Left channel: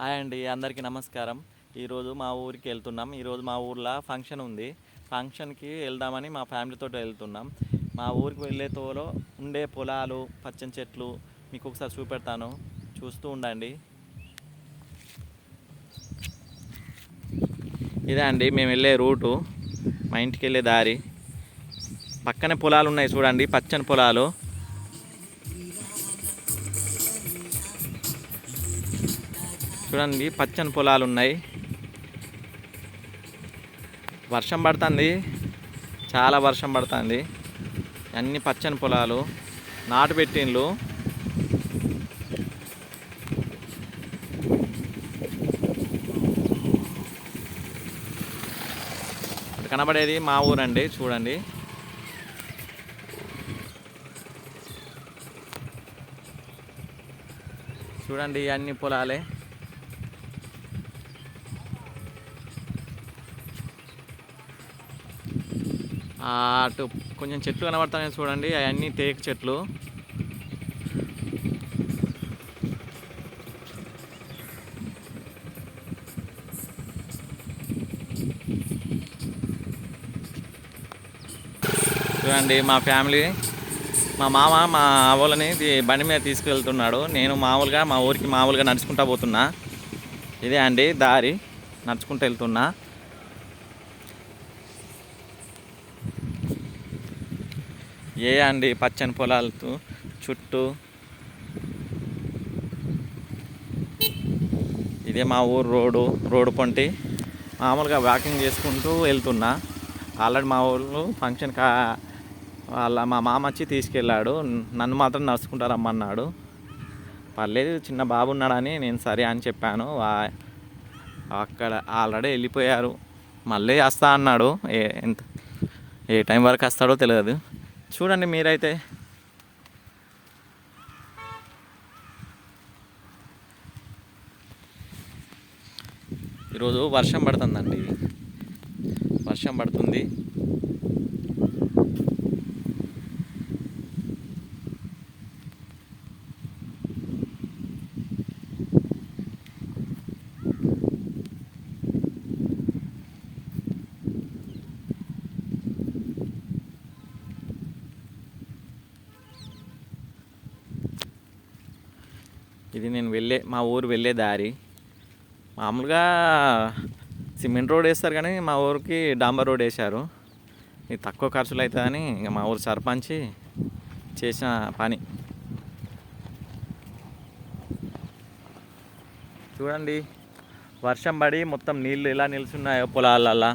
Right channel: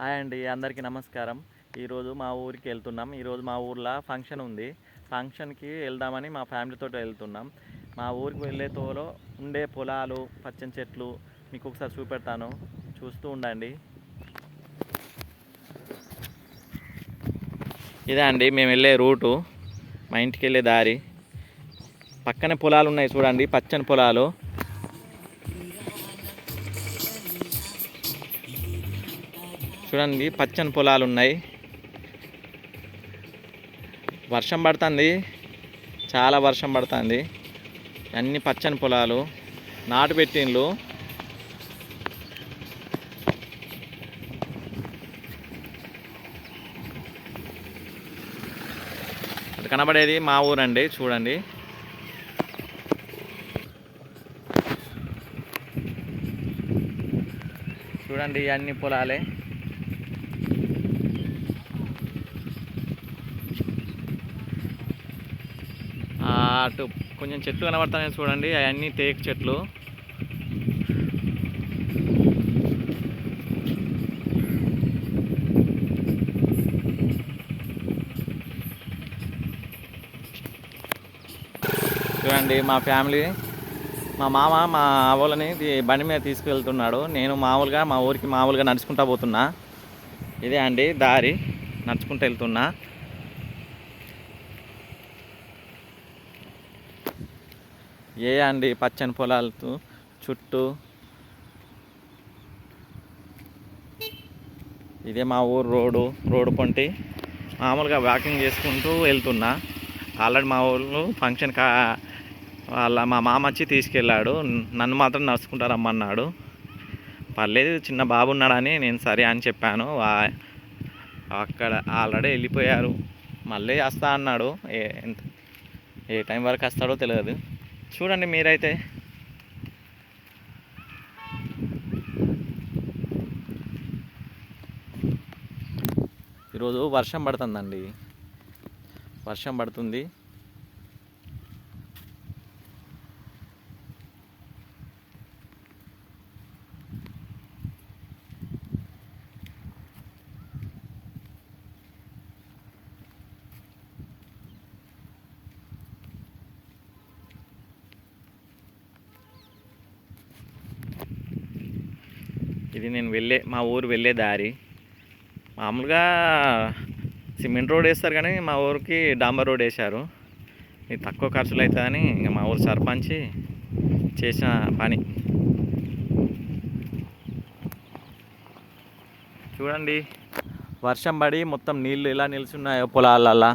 Hi అండి, అందరికీ నమస్కారం. ఈరోజు మా ఊరికి వెళ్తున్నాం. ఈరోజు మా ఊర్లో ఫంక్షన్ ఉంది. ఫంక్షన్కి వెళ్దామని మా ఫ్యామిలీతో వెళ్తున్నాం. మా ఊరికి వెళ్ళే తోలో ఉండే పొలాలు, పచ్చని చెట్లు మీకు ఒకసారి చూపెడతాను, చూస్తూ ఉండండి. ఇదే అండి మేము వెళ్ళే రూటు, మా ఇంటికి వెళ్ళే దారి. పక్కనే పొలాలు ఉన్నాయి చూడండి, పచ్చని పొలాలు. చూడండి, పచ్చని పొలాలు ఉన్నాయి. వర్షం పడుతుంది, చాలా వర్షం పడుతుంది. అన్ని పచ్చని పొలాలు, నాటు పెట్టిండ్లు. అటు కనబడేది మా ఊరండి, చూడండి. చూడండి, అన్ని పొలాలే. అటు కొంచెం చెట్లు కనబడతాయి చూడండి, అవన్నీ టేకు చెట్లు. చూడండి, మా ఫ్యామిలీ, మా మామ మా వాళ్ళని బండి మీద తీసుకువెళ్తున్నాడు. నేను మామూలుగా మా ఊరికి మామూలుగా నడుచుకుంటా పోతున్నా. ఇదే అండి దారి, నడుచుకుంటూ వెళ్తున్నా. అండి పచ్చని పొలాలతో చుట్టూ. ఇదే మా ఊరు రోడ్డు పొంటి మామూలుగా వాకింగ్ చేసుకుంటూ వెళ్తున్నా. ఆల్రెడీ మా ఊళ్ళు ఫంక్షన్ మా మామ వచ్చి తీసుకెళ్ళాడు. నన్ను మాత్రం నడుచుకుంటా రమ్మన్నాడు. పర్లేదు, చిన్న బాబు ఉన్నాడని నేను సరే అని చెప్పాను. అక్కడ ఆల్రెడీ వెళ్ళిపోయారు. మళ్ళీ వస్తా అన్నాడు. ఏ టైం వరకు వస్తాడో తెలియదు. చూడండి మీరైతే. ఈరోజు వర్షం పడుతుందండి, వర్షం పడుతుంది. ఇది నేను మా ఊరు వెళ్ళే దారి. మామూలుగా సిమెంట్ రోడ్ వేస్తారు, కానీ మా ఊరికి డాంబర్ రోడ్ వేశారు. ఇది తక్కువ ఖర్చులు అవుతుందని ఇంకా మా ఊరు సర్పంచ్ చేసిన పని. చూడండి, వర్షం పడి మొత్తం నీళ్ళు ఎలా నిలుచున్నాయో పొలాలల్లా.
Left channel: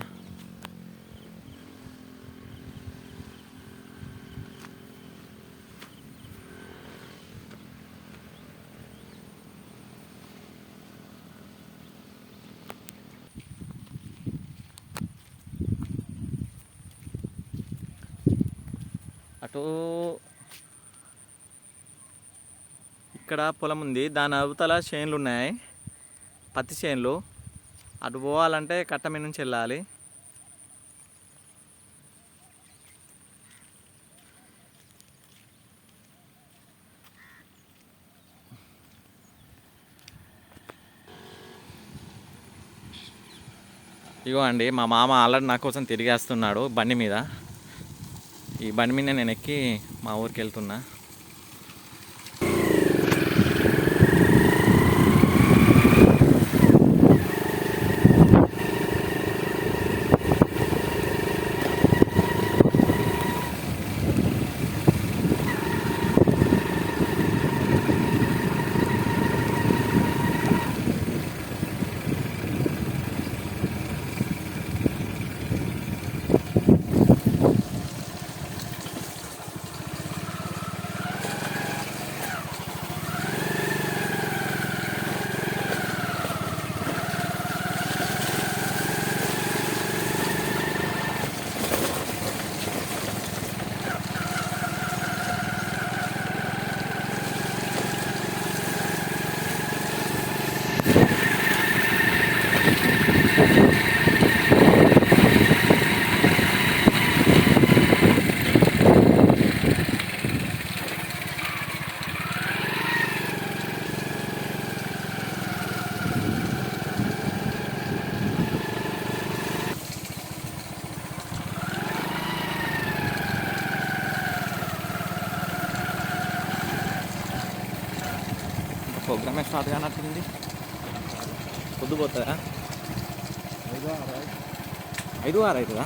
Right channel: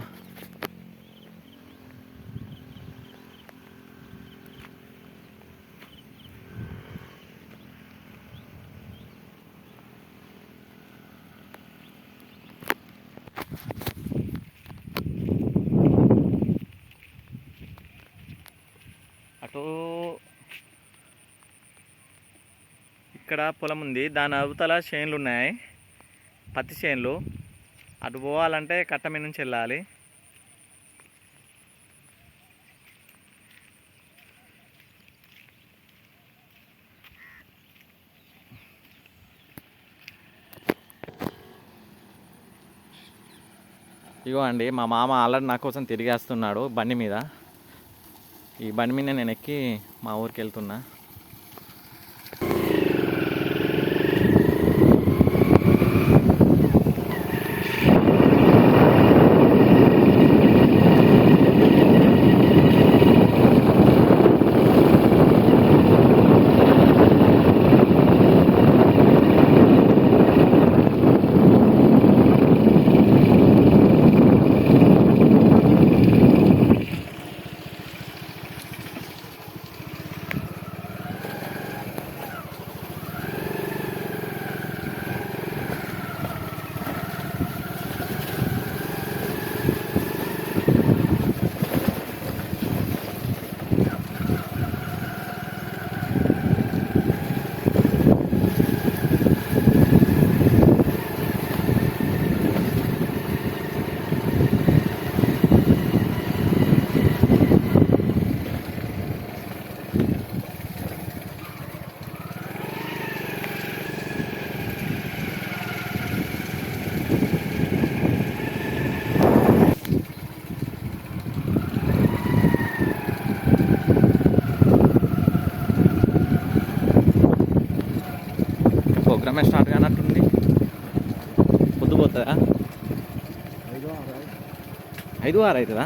అటు ఇక్కడ పొలం ఉంది, దాని అవతల చేన్లు ఉన్నాయి, పత్తి చేన్లు. అటు పోవాలంటే కట్ట మీద నుంచి వెళ్ళాలి. ఇగో అండి, మా మామ ఆల్రెడీ నా కోసం తిరిగేస్తున్నాడు బండి మీద. ఈ బండి మీద నేను ఎక్కి మా ఊరికి వెళ్తున్నా. అవుతుందా? 5, 6 అవుతుందా?